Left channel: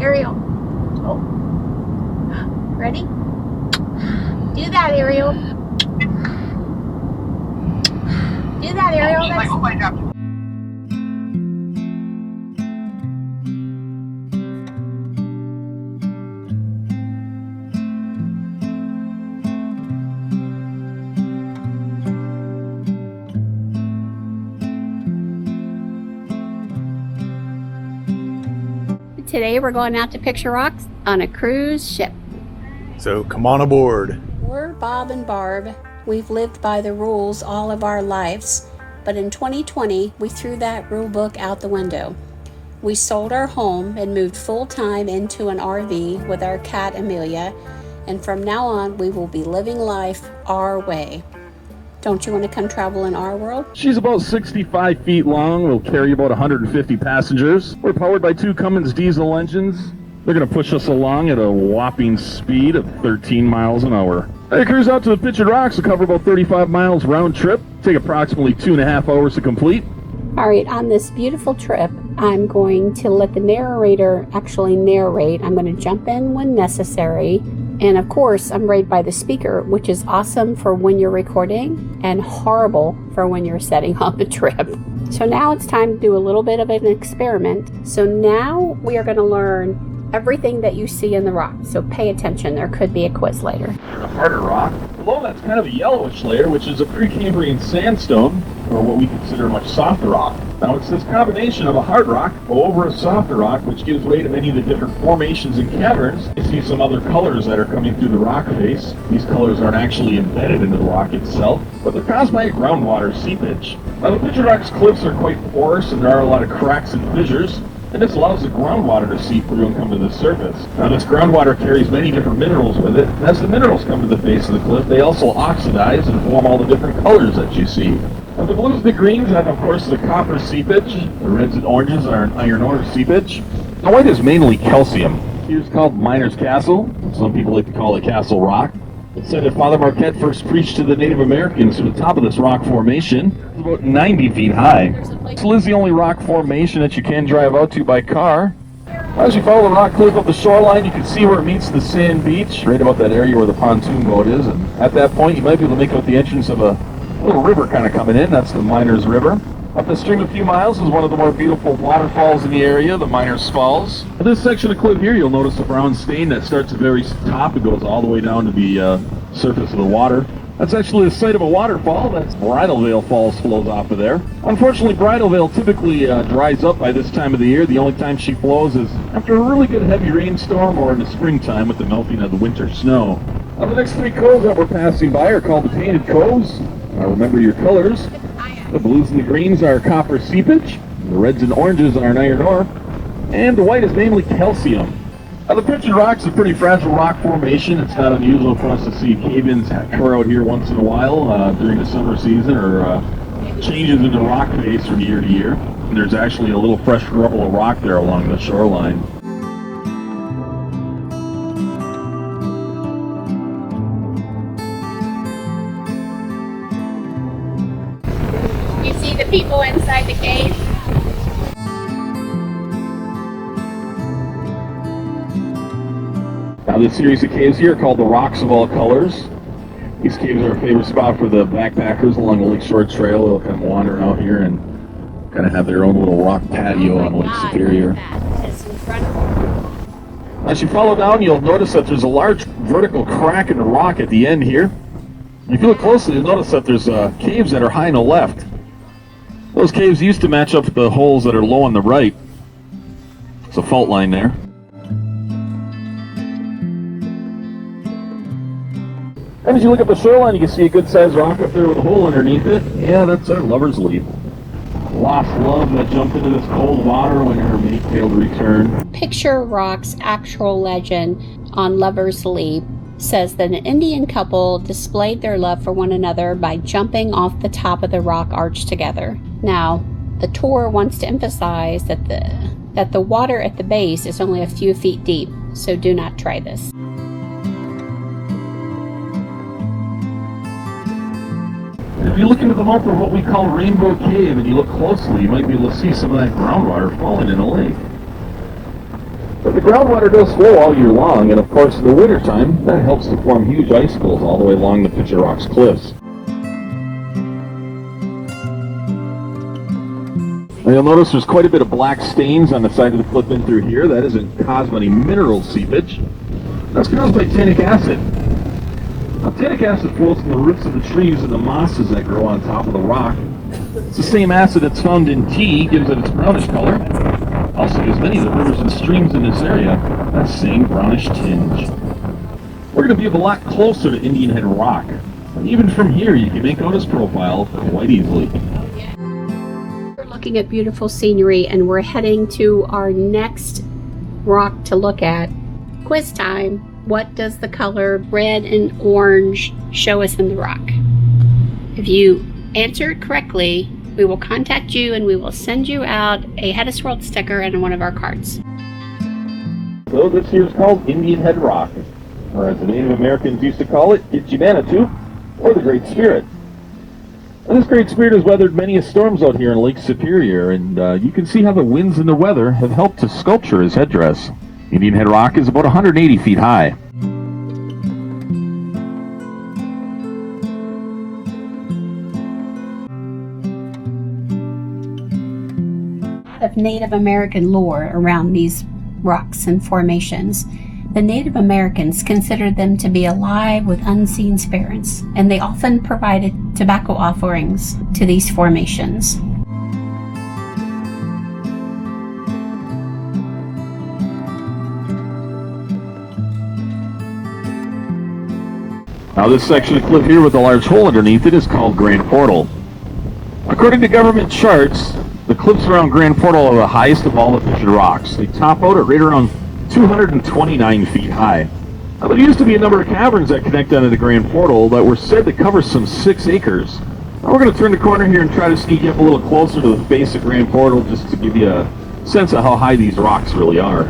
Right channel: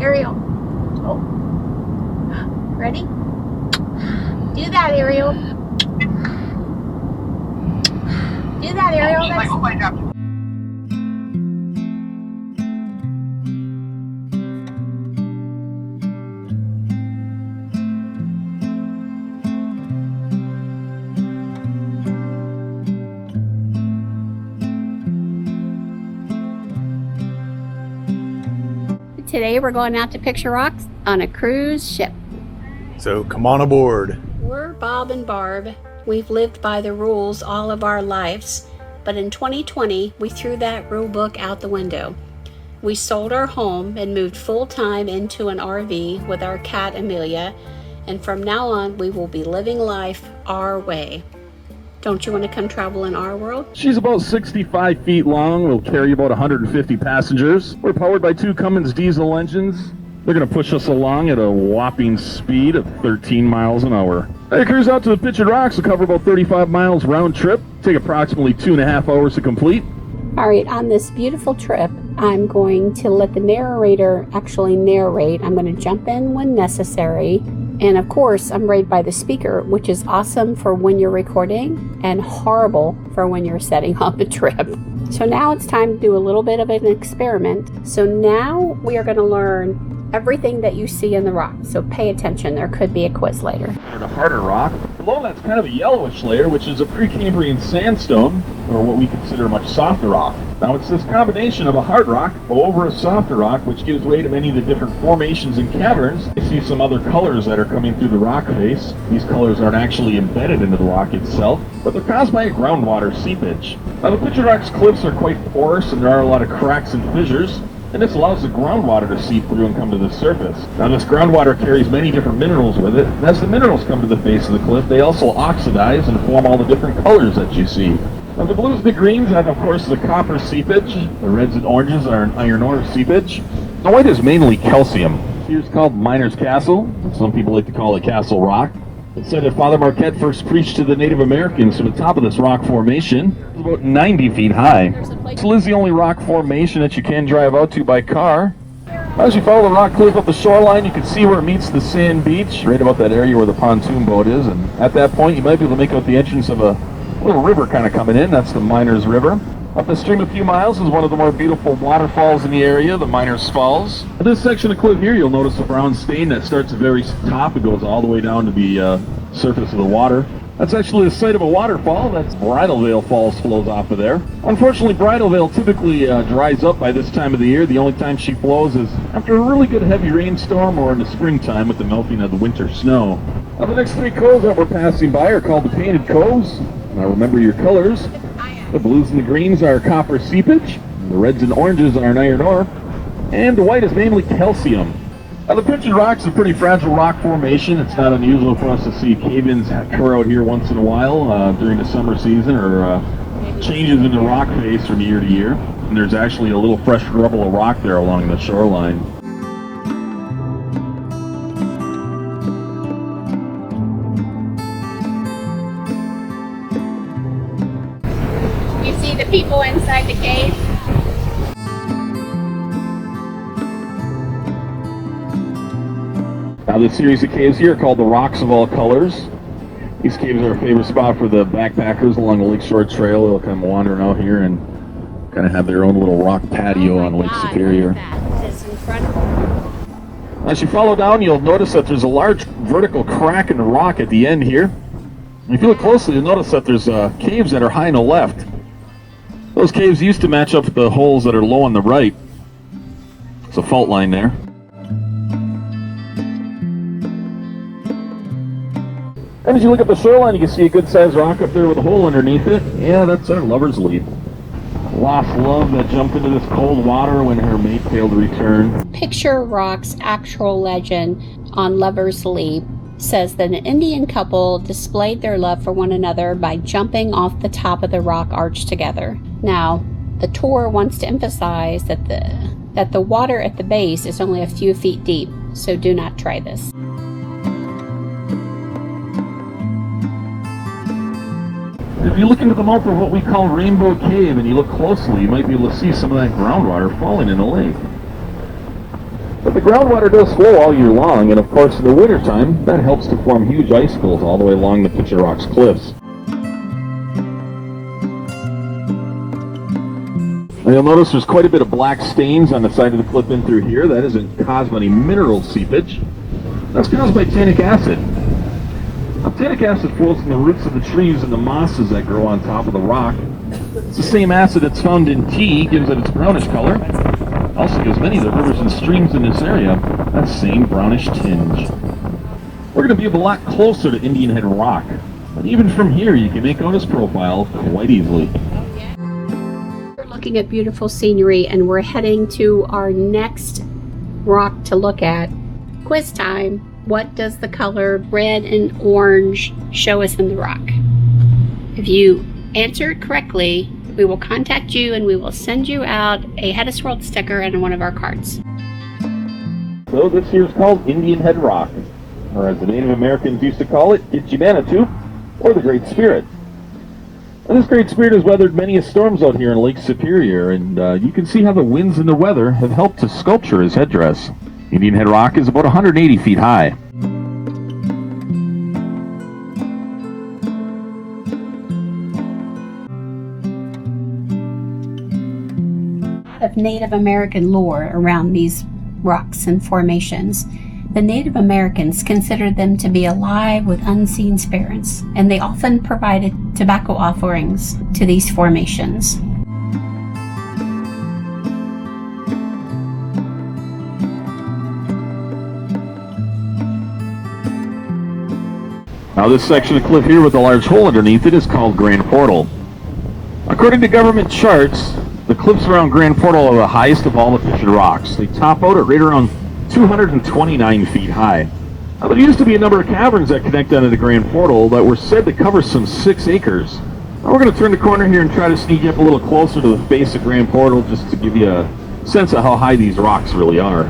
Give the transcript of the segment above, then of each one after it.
Ariel. Oh. Ready? Do that, Ariel. Do that, Ariel. That's... Today we're going out to picture rocks on a cruise ship. So come on aboard. We're Bob and Barb. We've lived by the rules all of our lives, but in 2020 we threw that rule book out the window. We sold our home and moved full-time into an RV with our cat Amelia, and from now on we will be living life our way. Don't you want to come travel in our world? She's about 65 feet long. We'll carry about 150 passengers. We're powered by 2 Cummins diesel engines. They're going to push us along at a whopping speed of 13 miles an hour. The cruise out to the Pictured Rocks will cover about 35 miles round trip. Take approximately 2.5 hours to complete. All right, on this beautiful trip, I'm going to let the narrator actually narrate. I'm going to jump in when necessary. And of course, I'm rated by the speaker, which is awesome for when you're recording and horrible for when you're setting on the trip. So now it's time to do a little bit of an experiment. So now we are going to learn everything that you see in the rock. So pay attention. There could be a quiz later. A harder rock. Below that's kind of a yellowish layer, which is a Precambrian sandstone, or what we consider a much softer rock. Now it's this combination of a hard rock over a softer rock, which gives way to many of the different formations and caverns. You see some other colors that are coming through the rock face. These colors aren't actually embedded into the rock itself, but they're caused by groundwater seepage. Now the Pictured Rocks cliffs are quite porous, and there are a lot of cracks and fissures, and this allows the groundwater to seep through and come to the surface. Now this groundwater carries many different minerals with it, and as the minerals come to the face of the cliff, they also oxidize and form all the different colors that you see. Now the blues and the greens have, of course, the copper seepage. The reds and oranges are an iron ore seepage. The white is mainly calcium. Here's called Miner's Castle. Some people like to call it Castle Rock. It's said that Father Marquette first preached to the Native Americans from the top of this rock formation. It's about 90 feet high. This is the only rock formation that you can drive out to by car. As you follow the rock cliff up the shoreline, you can see where it meets the sand beach, right about that area where the pontoon boat is. And at that point, you might be able to make out the entrance of a little river kind of coming in. That's the Miners River. Up the stream a few miles is one of the more beautiful waterfalls in the area, the Miners Falls. At this section of cliff here, you'll notice a brown stain that starts at the very top. It goes all the way down to the surface of the water. That's actually the site of a waterfall. That's Bridal Veil Falls flows off of there. Unfortunately, Bridal Veil typically dries up by this time of the year. The only time she flows is after a really good heavy rainstorm or in the springtime with the melting of the winter snow. Now, the next 3 coves that we're passing by are called the Painted Coves. Remember your colors. The blues and the greens are copper seepage. The reds and oranges are an iron ore. And the white is mainly calcium. Now, the Pictured Rocks is a pretty fragile rock formation. It's not unusual for us to see cave-ins occur out here once in a while during the summer season, or changes in the rock face from year to year. And there's actually a little fresh rubble of rock there along the shoreline. You see the people inside the cave? Now this series of caves here are called the Rocks of All Colors. These caves are a favorite spot for the backpackers along the Lake Shore Trail. They'll come wandering out here and kind of have their own little rock patio on Lake Superior. As you follow down, you'll notice that there's a large vertical crack in the rock at the end here. If you look closely, you'll notice that there's caves that are high on the left. Those caves used to match up with the holes that are low on the right. It's a fault line there. And as you look up the shoreline, you can see a good-sized rock up there with a hole underneath it. Yeah, that's our Lover's Leap. Lost love that jumped into this cold water when her mate failed to return. Picture Rock's actual legend on Lover's Leap says that an Indian couple displayed their love for one another by jumping off the top of the rock arch together. Now, the tour wants to emphasize that the water at the base is only a few feet deep, so do not try this. If you look into the mouth of what we call Rainbow Cave and you look closely, you might be able to see some of that groundwater falling in the lake. But the groundwater does flow all year long, and of course in the wintertime, that helps to form huge icicles all the way along the Picture Rocks cliffs. Now you'll notice there's quite a bit of black stains on the side of the cliff in through here. That isn't caused by any mineral seepage. That's caused by tannic acid. Now, tannic acid flows from the roots of the trees and the mosses that grow on top of the rock. It's the same acid that's found in tea, gives it its brownish color. Also gives many of the rivers and streams in this area that same brownish tinge. We're going to be a lot closer to Indian Head Rock. And even from here, you can make out its profile quite easily. We're looking at beautiful scenery, and we're heading to our next rock to look at. Quiz time. What does the color red and orange show us in the rock? If you answer it correctly, we will contact you and we will send you out a HetteshWorld sticker and one of our cards. So this here is called Indian Head Rock, or as the Native Americans used to call it, Itchimanatu, or the Great Spirit. And this Great Spirit has weathered many storms out here in Lake Superior, and you can see how the winds and the weather have helped to sculpture his headdress. Indian Head Rock is about 180 feet high. Of Native American lore around these rocks and formations. The Native Americans considered them to be alive with unseen spirits, and they often provided tobacco offerings to these formations. Now this section of cliff here with a large hole underneath it is called Grand Portal. According to government charts, the cliffs around Grand Portal are the highest of all the Picture Rocks. They top out at right around 229 feet high. Now there used to be a number of caverns that connect onto the Grand Portal that were said to cover some 6 acres. Now we're going to turn the corner here and try to sneak up a little closer to the base of Grand Portal just to give you a sense of how high these rocks really are.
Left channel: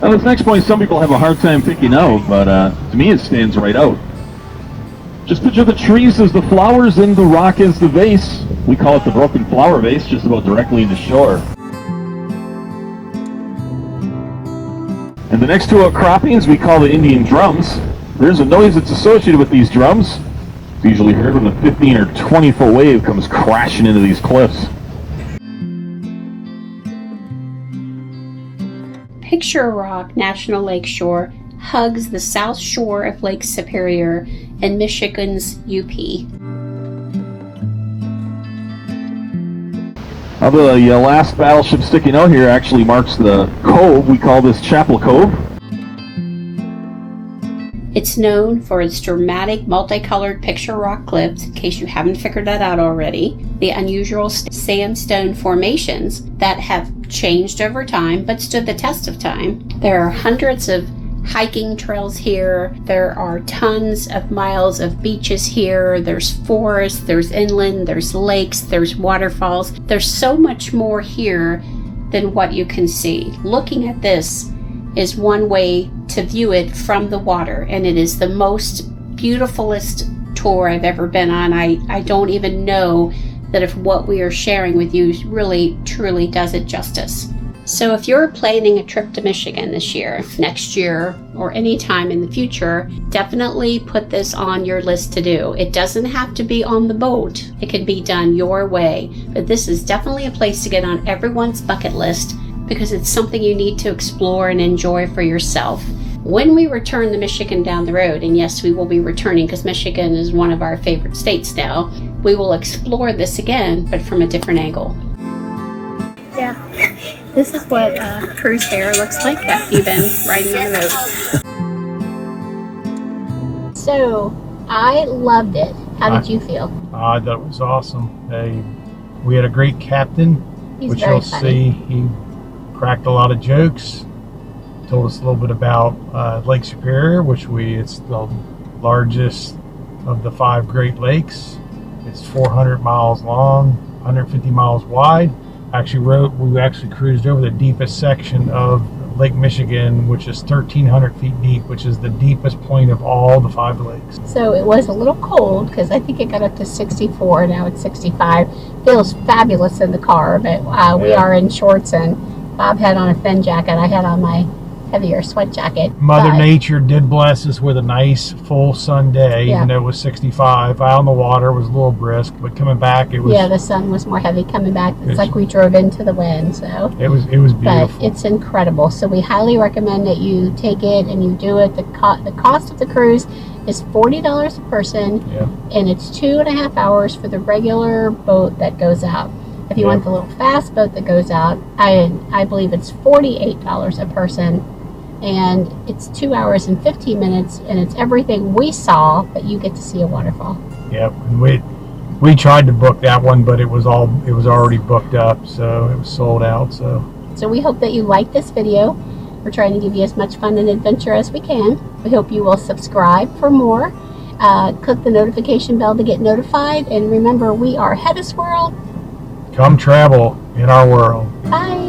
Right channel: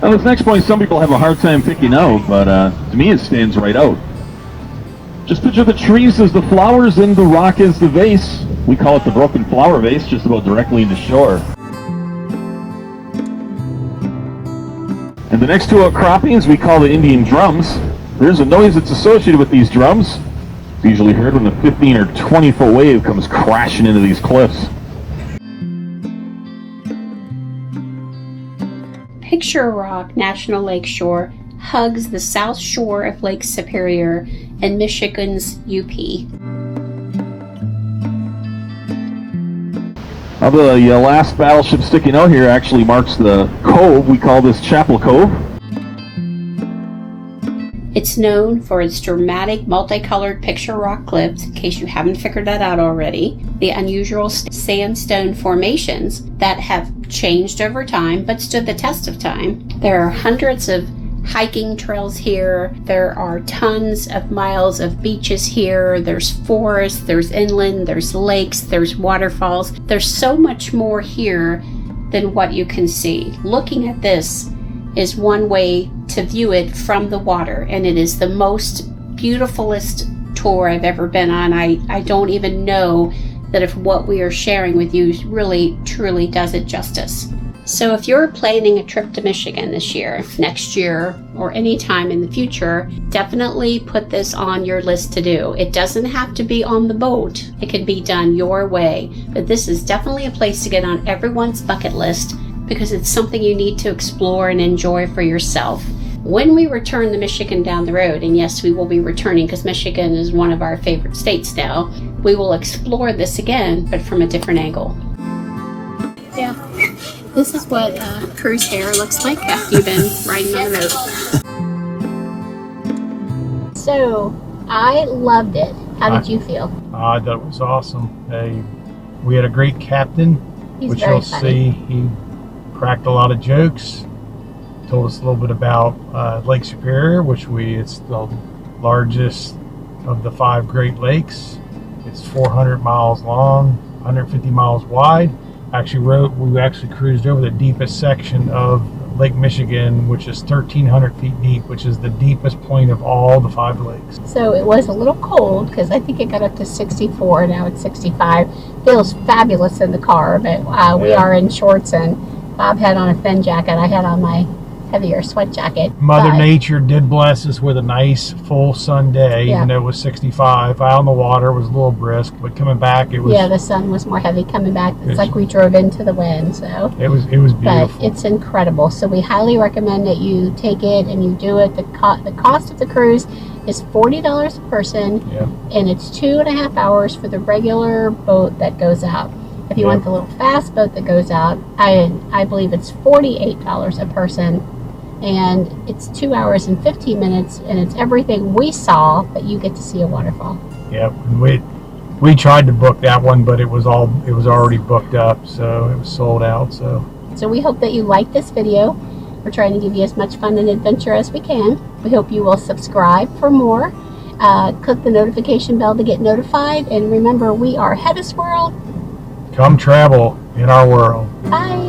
Now this next point some people have a hard time picking out, but to me it stands right out. Just picture the trees as the flowers and the rock as the vase. We call it the broken flower vase, just about directly in the shore. And the next two outcroppings we call the Indian drums. There's a noise that's associated with these drums. It's usually heard when a 15 or 20 foot wave comes crashing into these cliffs. Picture Rock National Lakeshore hugs the south shore of Lake Superior in Michigan's UP. Now the last battleship sticking out here actually marks the cove. We call this Chapel Cove. It's known for its dramatic multicolored picture rock cliffs, in case you haven't figured that out already, the unusual sandstone formations that have changed over time but stood the test of time. There are hundreds of hiking trails here. There are tons of miles of beaches here. There's forests, there's inland, there's lakes, there's waterfalls. There's so much more here than what you can see. Looking at this is one way to view it from the water, and it is the most beautifulest tour I've ever been on. I don't even know that if what we are sharing with you really truly does it justice. So if you're planning a trip to Michigan this year, next year, or any time in the future, definitely put this on your list to do. It doesn't have to be on the boat. It can be done your way, but this is definitely a place to get on everyone's bucket list because it's something you need to explore and enjoy for yourself. When we return to Michigan down the road, and yes, we will be returning because Michigan is one of our favorite states now, we will explore this again, but from a different angle. Yeah, this is what a cruise fair looks like after you've been riding on the road. So, I loved it. How did you feel? I thought it was awesome. We had a great captain, which you'll see. He cracked a lot of jokes, told us a little bit about Lake Superior, it's the largest of the 5 Great Lakes. It's 400 miles long, 150 miles wide. We actually cruised over the deepest section of Lake Michigan, which is 1,300 feet deep, which is the deepest point of all the 5 lakes. So it was a little cold because I think it got up to 64, now it's 65. Feels fabulous in the car, but we are in shorts and Bob had on a fin jacket. I had on my heavier sweat jacket. Mother Nature did bless us with a nice full sun day, even though it was 65. Out on the water was a little brisk, but coming back it was... Yeah, the sun was more heavy coming back. It's like we drove into the wind, so... It was beautiful. But it's incredible. So we highly recommend that you take it and you do it. The cost of the cruise is $40 a person, and it's 2.5 hours for the regular boat that goes out. If you want the little fast boat that goes out, I believe it's $48 a person. And it's 2 hours and 15 minutes, and it's everything we saw, but you get to see a waterfall. Yep, and we tried to book that one, but it was already booked up, so it was sold out. So we hope that you like this video. We're trying to give you as much fun and adventure as we can. We hope you will subscribe for more. Click the notification bell to get notified, and remember, we are HetteshWorld. Come travel in our world. Bye.